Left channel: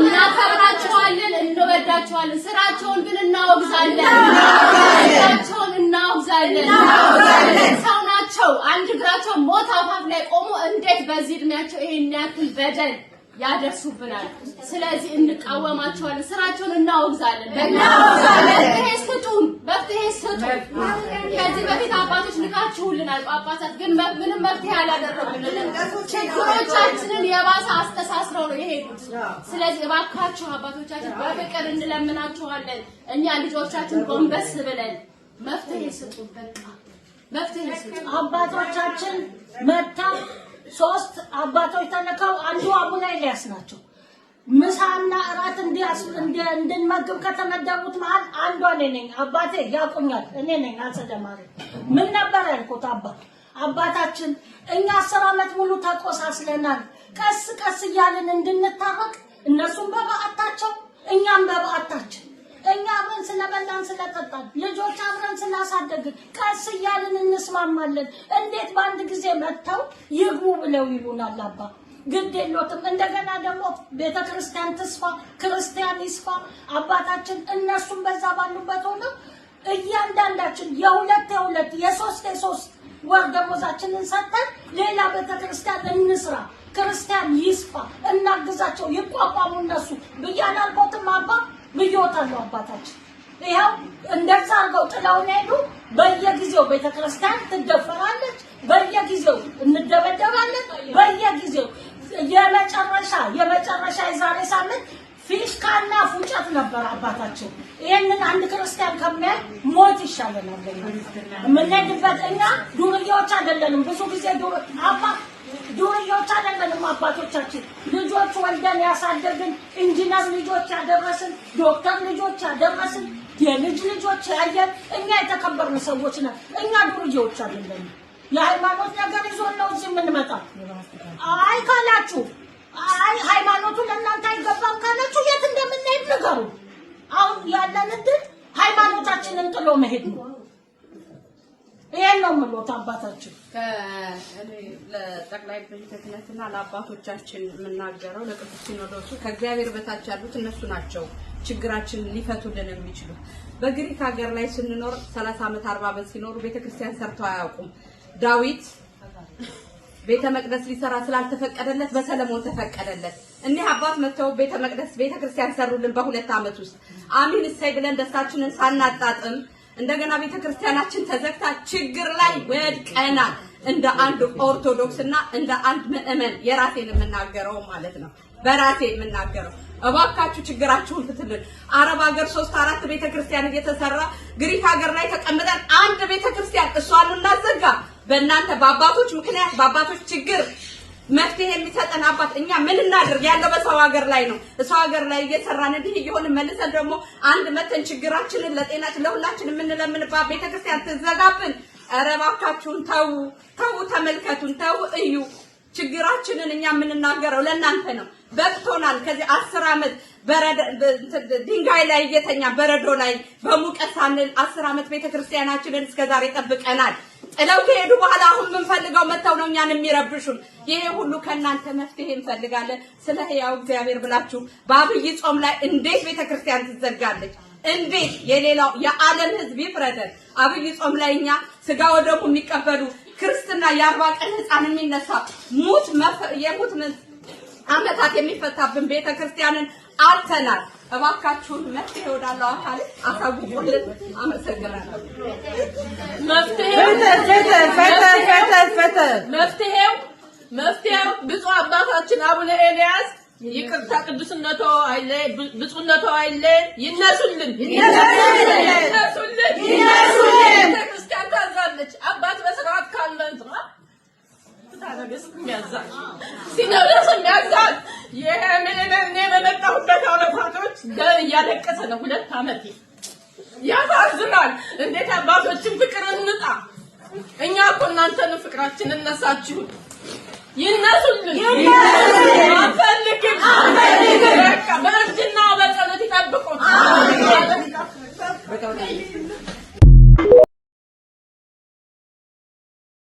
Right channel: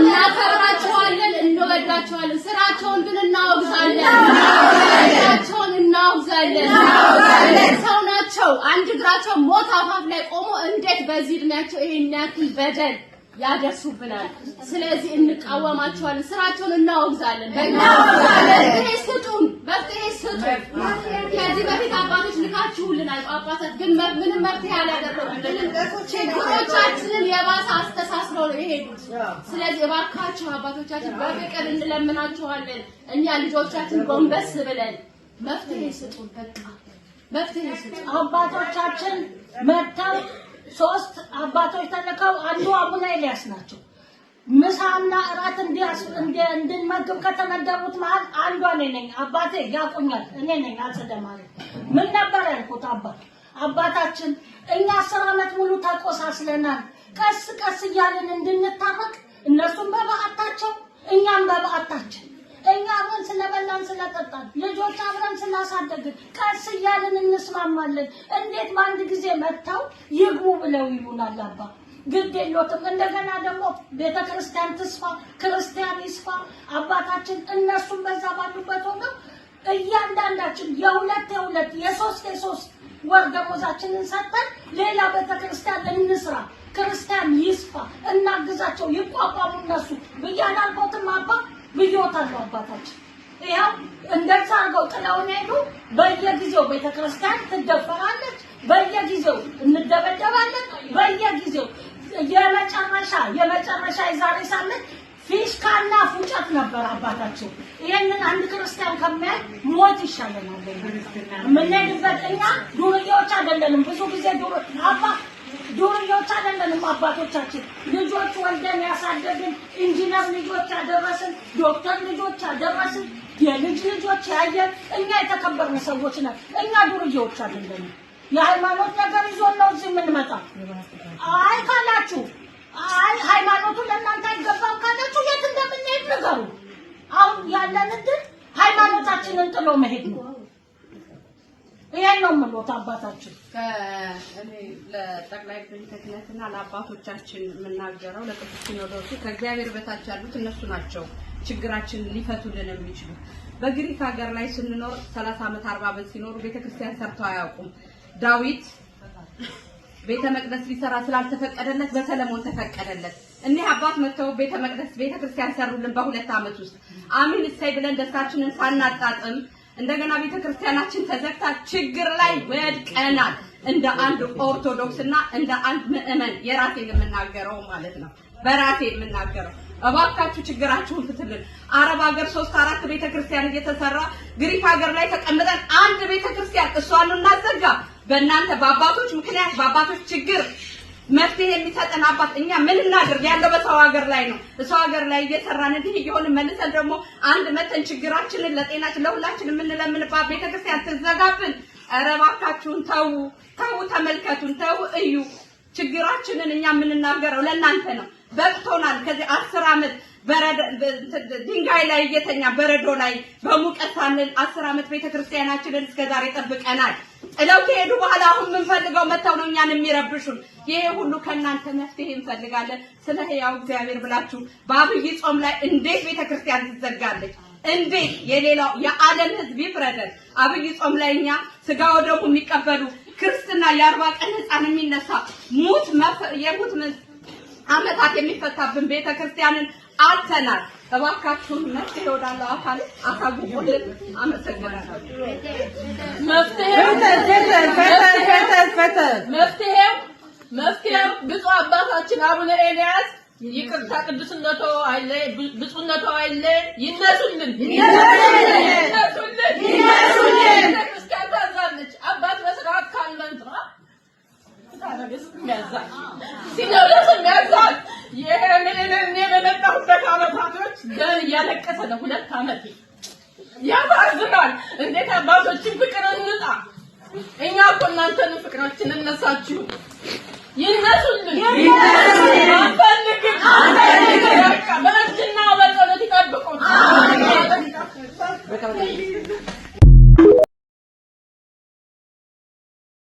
እናከብራቸዋለን እንወዳቸዋለን ስራቸውን ግን እናወግዛለን ሰው ናቸው አንድ እግራቸው ሞት አፋፍ ላይ ቆሞ እንዴት በዚህ እድሜያቸው ይሄን ያክል በደል ያደርሱብናል ስለዚህ እንቃወማቸዋለን ስራቸውን እናወግዛለን በፍትሄ ስጡን ከዚህ በፊት አባቶች ልካችሁልናል ጳጳሳት ግን ምንም መፍትሄ አላደረጉልንም ችግሮቻችንን የባሰ አስተሳስረው ነው የሄዱት ስለዚህ እባካችሁ አባቶቻችን በፍቅር እንለምናችኋለን እኛ ልጆቻችን ጎንበስ ብለን መፍትሄ ስጡን በቃ መፍትሄ ስጡን አባቶቻችን መጣው ሶስት አባቶች ተነካው አንዱ አቡነ ኤልያስ ናቸው ምሳና እራት እንድንመግብ ከተመደቡት መሃል አንዷ ነኝ አባቴ ያቁኛል እኔ ነኝ አጸደማሪ ምን ነበር ያልኩት አባታችን እኛ 10 አመት ሙሉ ተቆሳስለናል ቀስ ቀስ እያልን እንድንታረቅ እነሱም በበዓታቸው እኛም በበዓታችን እኛ አብረን ስለበላን ስለጠጣን ልጆች አብረን ስላሳደግን ቀስ እያልን እንስማማለን እንዴት በአንድ ጊዜ መጥተው ይግቡ ብለው ይሉናል አባ ግድ የለውም እንደገና ደግሞ ቤተክርስቲያን ተስፋ ክርስቲያን ይስፋ አባታችን እነሱም በዛ ባሉበት ሆነው እያንዳንዳችን የሁለት የሶስት ወር ደሞዛችንን ሰጥተን ሌላ ቤተክርስቲያን እንስራ ክርስቲያን ይስፋ እናግዛቸው ይቋቋሙ እነሱ ብያናልቆትም አባ ብዮታለው አባታችን ይሄው እንደዛ አርገው ጥላውን ሄዱ በየጊዜው ቤተክርስቲያን ትደፈራለች በየጊዜው እንደበደባለን በየጊዜው የመጨረሻ የዛሬ ሳምንት ፊሽካና ፉጨት ነበር አባታችን ይሄንን አንድ ክርስቲያን ከመያ ሞት ይሻለናል ምንነግበት እኛ ዱርዬዎች አይደለንም ብዙ ጊዜ ዱርዬዎች አይደለንም አባቶቻችን ልጆች ወልደን ያሳደግን ኢንጂነር ልጆች ያደረስን ዶክተር ልጆች ያደረስን የልጅ ልጆች ያየን እኛ የተከበርን ሰዎች ነን እኛ ዱርዬዎች አይደለንም የሃይማኖት ነገር ይዞን ነው እዚህ የምንመጣው አይ ካላችሁ አይ ሃይማኖቱ ለእናንተ አይገባም ካላችሁ የት እንደምንሄድ ንገሩ አሁን ያለን እድል ሃይማኖታችንን ጥሎ መሄድ ነው ይሄን ነው ማለት አባታችን እኔ ለጠቅላይ ቤተ ክህነትና ለአባቶቻችን የምናገረው ለቅዱስ ሲኖዶሱ ከእግዚአብሔር በታች ያሉት እነሱ ናቸው ችግራችን ሊፈቱልን የሚችሉ በግሪክ ሀገር ላይ ስንኖር 30 አመት 40 አመት ሲኖሩ ቤተክርስቲያን ሰርተው አያውቁም ዳዊት ቤተ መቅደስ ሊሰራ ስላልተፈቀደለት በሰለሞን ተፈቀደለት እነዚህ አባት መተው ቤተ መቅደስ ቤተክርስቲያን ሰሩልን በ2 አመት ውስጥ አሚን እሰይ ብለን ደስታችንን ሳናጣጥም እንደገና ቤተክርስቲያናችን ተዘግታ ችግር ላይ ወድቀናል እንደ አንድ ኦርቶዶክስና እንደ አንድ ምእመን የራሴን የምናገረው ማለት ነው በራሴ የምናገረው እባካችሁ ችግራችሁን ፍቱልን አረብ ሀገር 3-4 ቤተክርስቲያን እየተሰራ ግሪክ ሀገር ላይ ተቀምጠን አንድ ቤተክርስቲያን እሷን እናዘጋ በእናንተ በአባቶች ምክንያት በአባቶች ችግር መፍትሄ የሚሰጠን አባት እኛ ምን እናድርግ ያለው በሰው ሀገር ላይ ነው እሰው ሀገር ላይ እየሰራን እንዲህ ይሆን መልሰን ደግሞ አንድ መተን ችግራችንን ለጤናችን ለሁላችን የምንለምንባት ቤተክርስቲያን ትዘጋብን ኧረ እባካችሁን ተው ተመልከቱን ተው እዩ ችግራችንን እኛ የምንናገረው ለእናንተ ነው በቅቶናል ከዚህ 10 አመት ድንጋይ ላይ እየተኛ በረዶ ላይ በሙቀት ሳንል 10 አመት ቤተክርስቲያናችንን እስከዛሬ ጠብቀናል ጥለው ከሄዱ በኋላ አሁን ምን ፈልገው መተው ነው እኛን የሚረብሹን ይሄ ሁሉ ከናንተ መፍትሄ እንፈልጋለን ስለ ሕያው እግዚአብሔር ብላችሁ በአብይ ጾም ላይ እንዴት ቤተክርስቲያን ትዘጋለች እንዴት የሌላው የዓለም ህዝብ ይፍረደን አብይ ጾም ላይ እኛ ስጋ ወደሙ የሚቀበሉ ክርስትና የ40 ቀን ህፃን የሚነሳ የሙት አመታት የሚፈታብን ቤተክርስቲያንን አልተናል እባካችሁን መፍትሄ ወዳለው አካል አሳውቁልን አመሰግናለሁ መፍትሄው ብፁዕ አባታችን አቡነ ኤልያስ ይቅርታ ቅዱስነቶ አይለ ብፁዕነቶ አይለ ይነሱልን ክርስቲያን ታዛለች አባት በስርዓት ካልመንት ሲኖዶስ የሚያዛል የኔ በመጣሁበት አመታቶች ደም እያለቀሰ ነው 2 አመት ያሳዝናል እንዴት አባቶችን ፍቅር እንጣ እኛ እኮ እናንተን ፍቅራችንን እነሳችሁ ይነሱልን አንፈልግም በእጅና በጸሎት ይጠብቁን